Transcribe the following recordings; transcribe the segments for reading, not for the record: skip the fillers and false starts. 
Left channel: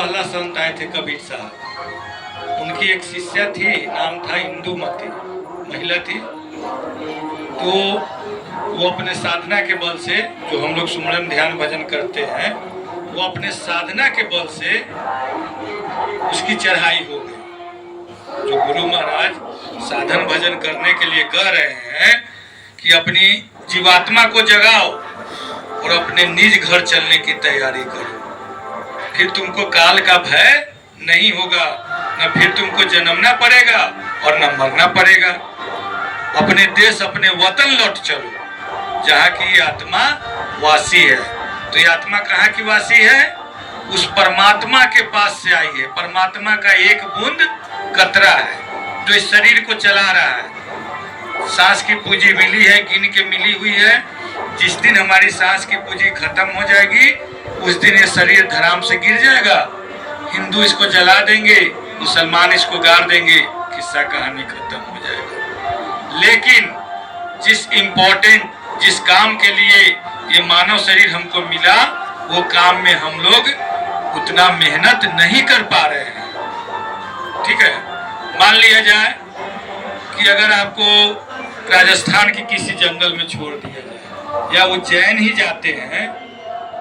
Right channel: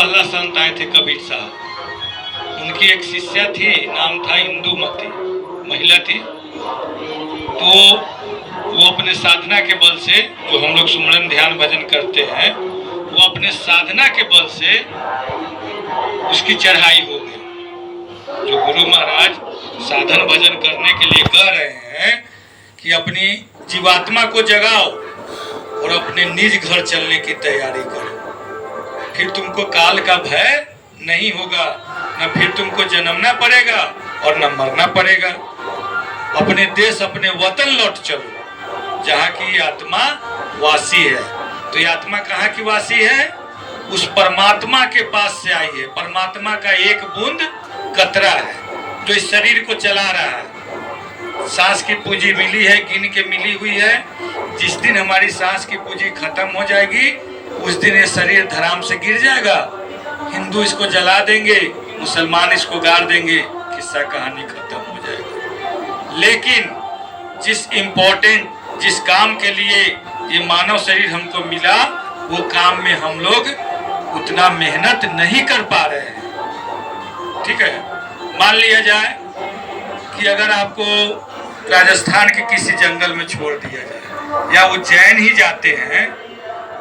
पहला संत आए थे कबीर साहब। उनकी एक शिष्या थी, नाम था इंदुमती, महिला थी। तो वो अपने साधना के बल से, जो हम लोग सुमरन ध्यान भजन करते हैं, वो अपने साधना के बल से उसकी चढ़ाई हो गई। जो गुरु महाराज साधन भजन करने के लिए कह रहे हैं कि अपनी जीवात्मा को जगाओ और अपने निज घर चलने की तैयारी करो, फिर तुमको काल का भय नहीं होगा, न फिर तुमको जन्मना पड़ेगा और न मरना पड़ेगा। अपने देश अपने वतन लौट चलो जहाँ की आत्मा वासी है। तो ये आत्मा कहाँ की वासी है? उस परमात्मा के पास से आई है। परमात्मा का एक बूंद कतरा है जो इस शरीर को चला रहा है। सांस की पूंजी मिली है, गिन के मिली हुई है। जिस दिन हमारी सांस की पूंजी खत्म हो जाएगी उस दिन ये शरीर धराम से गिर जाएगा। हिंदू इसको जला देंगे, मुसलमान इसको गाड़ देंगे, किस्सा कहानी खत्म हो जाएगा। लेकिन जिस काम के लिए ये मानव शरीर हमको मिला, वो काम में हम लोग उतना मेहनत नहीं कर पा रहे हैं। ठीक है, मान लिया जाए कि अगर आपको राजस्थान के किसी जंगल में छोड़ दिया जाए, या वो जैन ही जाते हैं,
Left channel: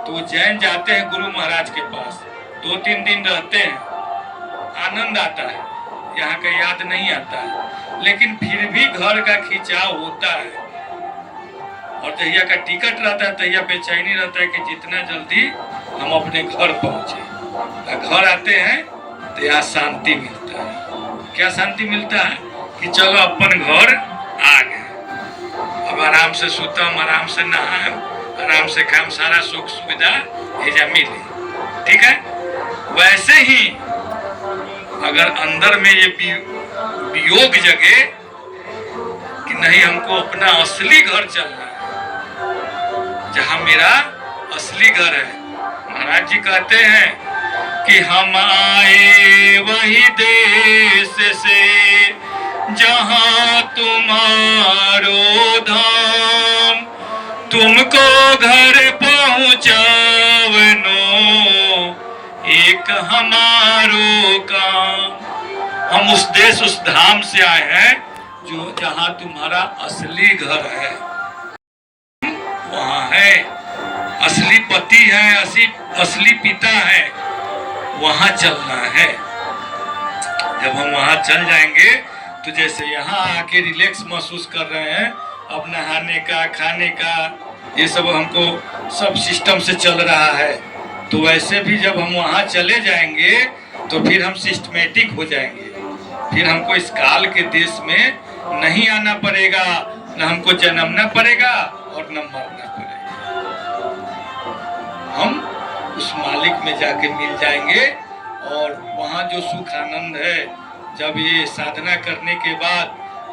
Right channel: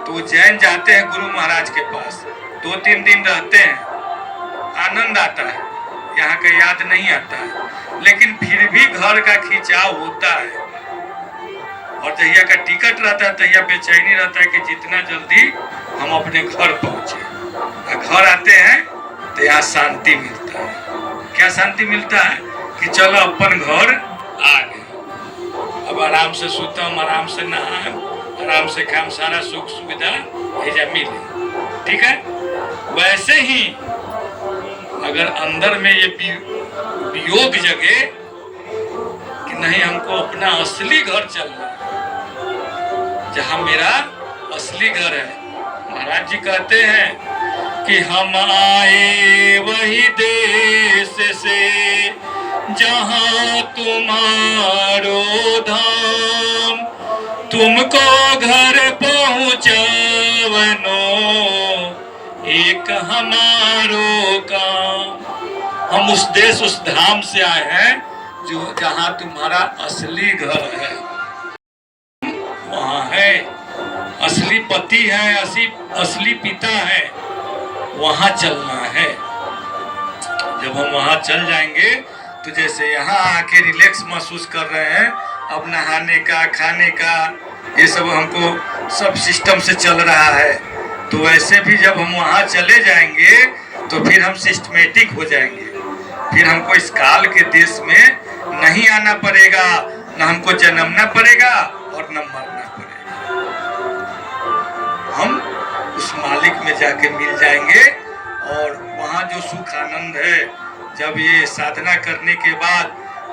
तो वो जैन जाते हैं गुरु महाराज के पास, 2-3 दिन रहते हैं, आनंद आता है, यहाँ का याद नहीं आता है, लेकिन फिर भी घर का खिंचाव होता है। और तहिया का टिकट रहता है, तहिया बेचैनी रहता है कि जितना जल्दी हम अपने घर पहुंचे। घर आते हैं तो यहाँ शांति मिलता है। क्या शांति मिलता है? कि चलो अपन घर आ गए, अब आराम से सुतम, आराम से नहाएम, आराम से खाम, सारा सुख सुविधा एजा मिले। ठीक है, वैसे ही अगर अंदर में ये वियोग जगे कि नहीं, हमको अपना असली घर चलना है, जहां मेरा असली घर है। महाराज जी कहते हैं कि हम आए वही देश से जहां तुम्हारो धाम, तुमको घर पहुंचावनो एक हमारो काम। हम उस देश उस धाम से आए हैं जो जहां तुम्हारा असली घर है, वहां है असली पति है, असली पिता है, वहां चलना है। जब हम वहां चल जाएंगे तो जैसे यहाँ आके रिलैक्स महसूस कर रहे हैं, अब नहाने का, खाने का, ये सब हमको सब सिस्टम से चल रहा है, तो वैसे भी जब हम वहाँ चले जाएंगे तो फिर हम सिस्टमेटिक हो जाएंगे। फिर हमको इस काल के देश में नहीं आना पड़ेगा, न हमको जन्मना पड़ेगा और न मरना पड़ेगा। हम उस मालिक में जाके मिल जाएंगे और वहाँ जो सुख आनंद है, जब ये साधना करने के बाद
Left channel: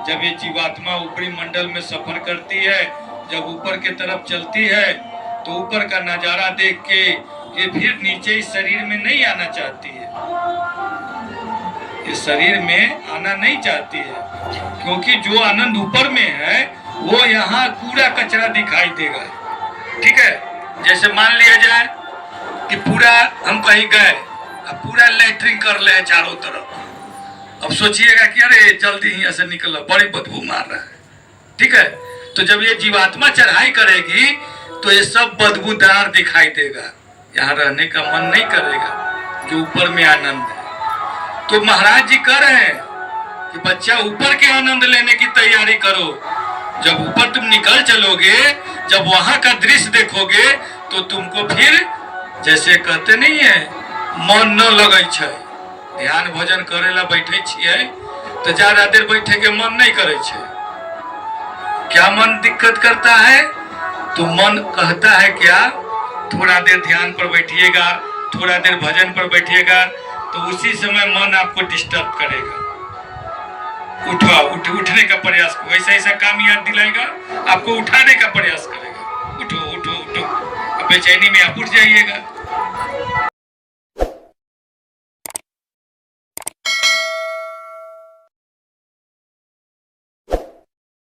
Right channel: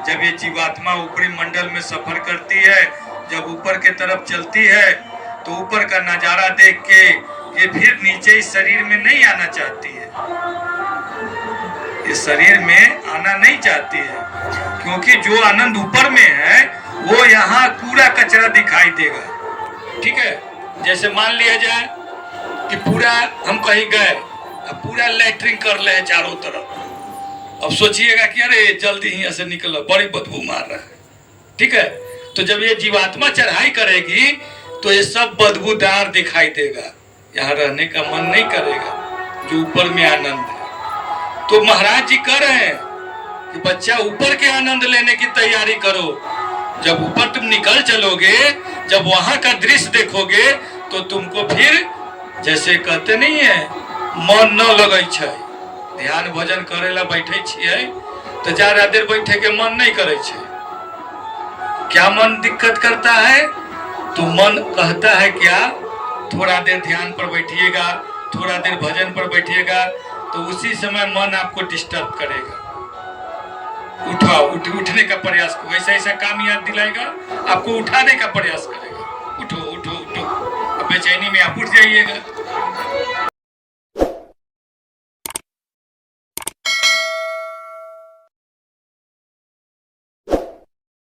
जब ये जीवात्मा ऊपरी मंडल में सफर करती है, जब ऊपर के तरफ चलती है, तो ऊपर का नजारा देख के ये फिर नीचे इस शरीर में नहीं आना चाहती है। ये शरीर में आना नहीं चाहती है, क्योंकि जो आनंद ऊपर में है वो यहाँ कूड़ा कचरा दिखाई देगा। ठीक है, जैसे मान लिया जाए कि पूरा हम कहीं गए, अब पूरा लैट्रिन कर ले चारों तरफ, अब सोचिएगा कि अरे जल्दी ही ऐसे निकलो, बड़ी बदबू मार रहा है। ठीक है, तो जब ये जीवात्मा चढ़ाई करेगी तो ये सब बदबूदार दिखाई देगा, यहाँ रहने का मन नहीं करेगा। जो ऊपर में आनंद है, तो महाराज जी कह रहे हैं कि बच्चा ऊपर के आनंद लेने की तैयारी करो। जब ऊपर तुम निकल चलोगे, जब वहां का दृश्य देखोगे, तो तुमको फिर जैसे कहते नहीं है मन न लगे छै। ध्यान भजन करे ला बैठे छिए तो ज्यादा देर बैठे के मन नहीं करे छे। क्या मन दिक्कत करता है? तो मन कहता है क्या, थोड़ा देर ध्यान पर बैठिएगा, थोड़ा देर भजन पर बैठिएगा, तो उसी समय मन आपको डिस्टर्ब करेगा। उठने का प्रयास, वैसा ऐसा काम याद दिलाएगा, आपको उठाने का प्रयास करेगा। उठो उठो उठो, अब बेचैनी में आप उठ जाइएगा।